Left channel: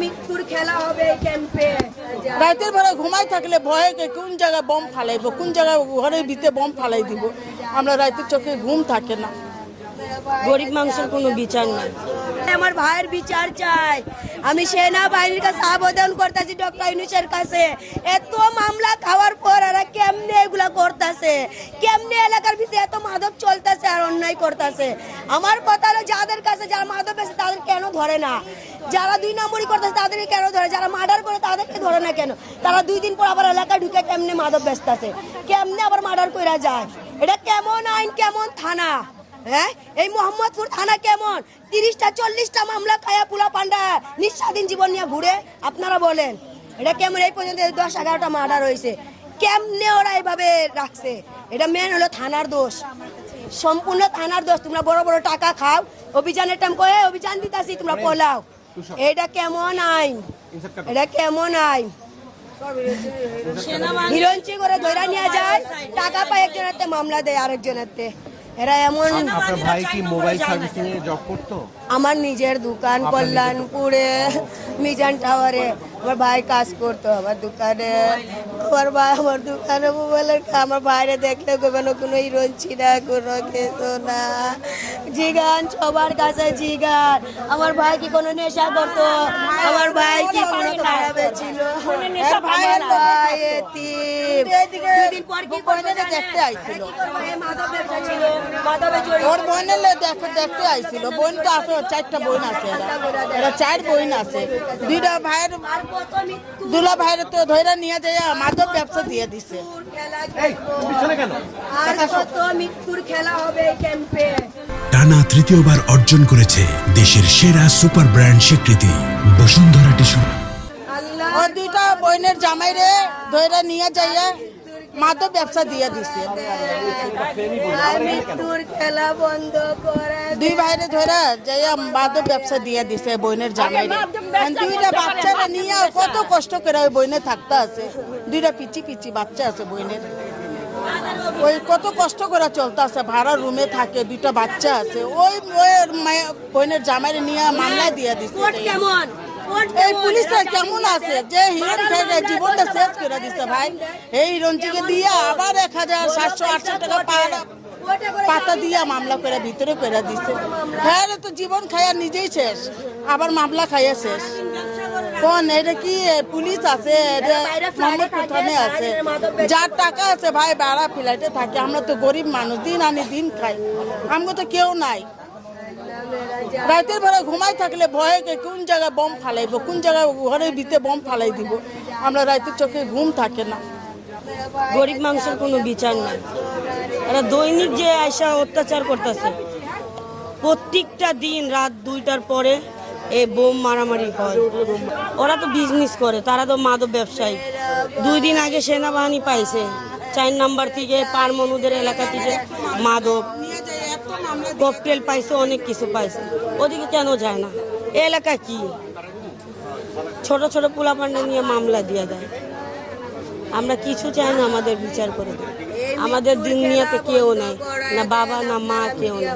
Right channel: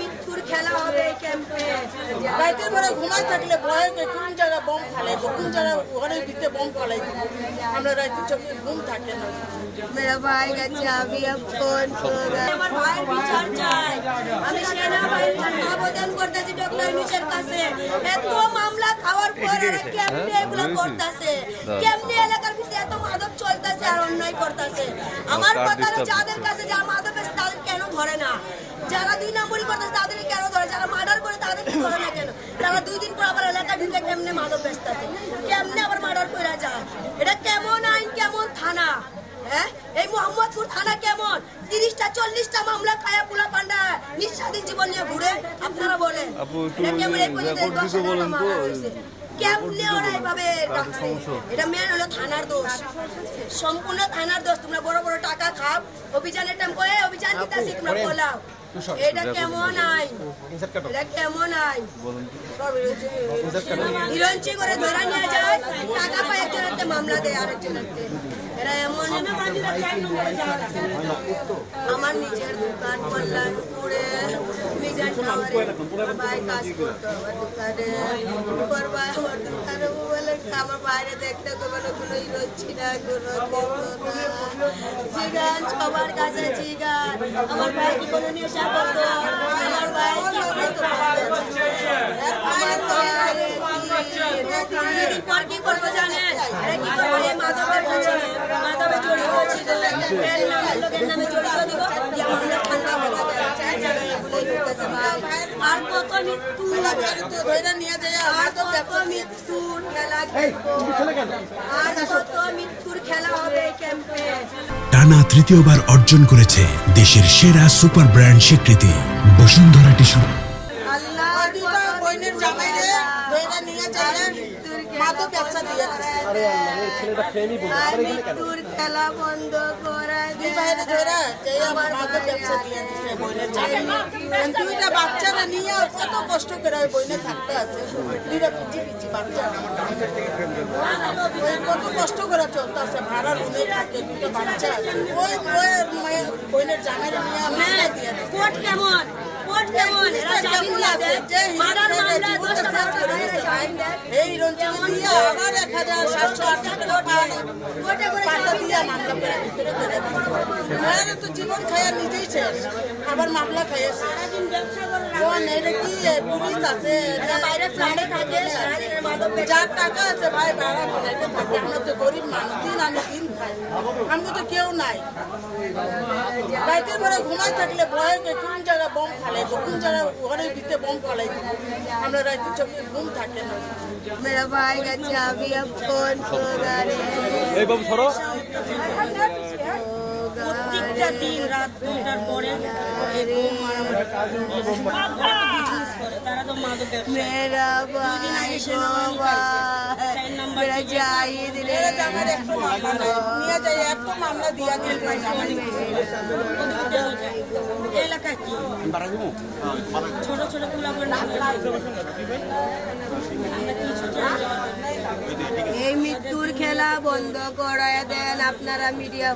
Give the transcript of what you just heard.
মৃত্যুর খেলা হবে ক্যাম্পে। রাতের বেলা ঘুমাই থাকলে ভয়ে কোন জায়গায় বম ফালাইবো, কোন জায়গায় ঘরের ভিতরে বম ফালাই দিব। আমরা রাতের চোখে ঘুম থাকে না। গরিব মানুষের কোনো বিচার নেই। আমার ভাইয়ের বিচার চাই। আমি সেনাবাহিনীর কাছে আবেদন করতেছি, ডক্টর ইউনূসের কাছে। এত মামলা খাওয়ার পর এরা কেমনে এগুলো করতেছে, কেমনে এলাকার ভিতরে এত মাদক চলতেছে আর অন্যায় করতেছে। আমার কথা হলো, যাদের কাছে যারা মাদক আছে তাদের কেন ধরে না? যারা 2 নম্বরই করতেছে তাদেরকে কেন ধরে? যারা মার্ডার করে তাদেরকে ধরে না কেন? তারা 2 দিন পর আবার এলাকায় ঢুকে কেমনে মাদক বেচতেছে, কেমনে আবার মার্ডার করে যায়? এটা কেমন আইন, কেমন থানা? হ্যাঁ, এই মোহাম্মদপুর থানা কেমন? 30টা 40টা মামলা খায়া পুলা পান্ডা নিঃস্বাধীন জীবন নিয়ে ঘুরে। আপনারা বলেন এটা কেমন? এই পর্যন্ত 10-11টা মামলা রয়েছে, কেমনে ওরা এইভাবে রাখছে? এটা মেন হলো থানার দোষ, সম্পূর্ণ থানার দোষ। তোমরা বড় বড় টাকা খাও, অভিযানের টাইম করে অভিযান দিতেছি, তোমরা পোলাও। এটা কেমন আইন? এটা কেমন আইন? হিরঞ্চি করে ধরে নিয়ে যায়, টাকা পায় একজনের, মামলা দেয় আরেকজনের। এরা এমন। আমার নিজের দোকান কল্যাণপুরে মিজান টাওয়ারে আমার ভাই কাজ করতো। আমার দোকানে আমার দোকানে মোবাইলের আমার বাইরে দেখলে কোনো হিরঞ্চি না, কোনো খেত না। জিগান সবার কাছে জিগান, আমার ভাই কি কোনো নেশা করতো? আমার ভাই কি কোনো খারাপ ছিল? দুলা ভাইয়ের তো ধরে নিয়ে যায় মাদক ব্যবসা দিয়ে দিচ্ছে। মৃত্যুর খেলা হবে ক্যাম্পে। টানা তৃতীয়বার অর্জন করেছে দেশের সেরা সুপার ব্র্যান্ড স্বীকৃতি বসুন্ধরা টিস্যু। দুটা বইনের জামাইরে ধরে নিয়ে যাইয়া মাদক ব্যবসা দিয়ে দিচ্ছে। মৃত্যুর খেলা বন্ধ করে 2 ভাইরে ধরে যাইয়া মাদক ব্যবসা দিয়ে দিচ্ছে বইনের জামাইরে। 2টা বাচ্চারা নিয়ে কত কষ্ট করে ওই বইনে থাকতে আছে। 2টা পিচি পিচি বাচ্চা আছে বইনে, ওই কত কষ্ট করে চলতে আছে। ভাড়া রুমে থাকে, 2টা বাচ্চা আছে। ওই বইনের জামাইরে নিয়ে মামলা দিয়ে দিচ্ছে। কেমন এই পুলিশটা কেমন আছে যে হিরোইনের জীবনটা শেষ করে দিচ্ছে ভাই? এই হিরোইনকে দিয়ে আবার 1700-800 টাকা পাতা দিয়ে মামলা করে ভিতরে করে দিচ্ছে। হ্যাঁ, তো জীবন খায়া নিজেই শেষ, আবার মামলা খাইয়া শেষ। কোন এটা কি পুলিশ আছে? আছে যার টাকা আছে ভাই ভাড়া ফিরাইতে থাকে। আমরা তো গরিব মানুষ, দিন আনি দিন খাই, আমরা তো কেউ নাই। রাতের বেলা ঘুমাই থাকলে ভয়ে কোন জায়গায় বম ফালাইবো, কোন জায়গায় ঘরের ভিতরে বম ফালাই দিব। আমরা রাতের চোখে ঘুম থাকে না। গরিব মানুষের কোনো বিচার নেই। ওরা দৈনিক যে আয়সা অত্যাচার করতেছে, প্রত্যেকটা দিন রাত 2টার পরে এই বোম মারামারি করে। ওরা তো বিজনেস করে, তারা তো মাদক ব্যবসায়ী। 2 দিন আগে সেনাবাহিনী পাইছে 4 নাম্বার থেকে পারমনুদের এলাকা থেকে মাদক ককটেল পাইছে, অনেক কিছু পাইছে। ওদিকে কেন যায় না? এলাকা কি ছোট ছোট পোলাপান্ডা নিয়ে মামলা দিয়ে দেয়। আমরা কিছু চাই না, আমাদের বিচার করে। আমাদের দুনিয়াতে কেউ নেই, না বাবা না মা, কেউ নেই।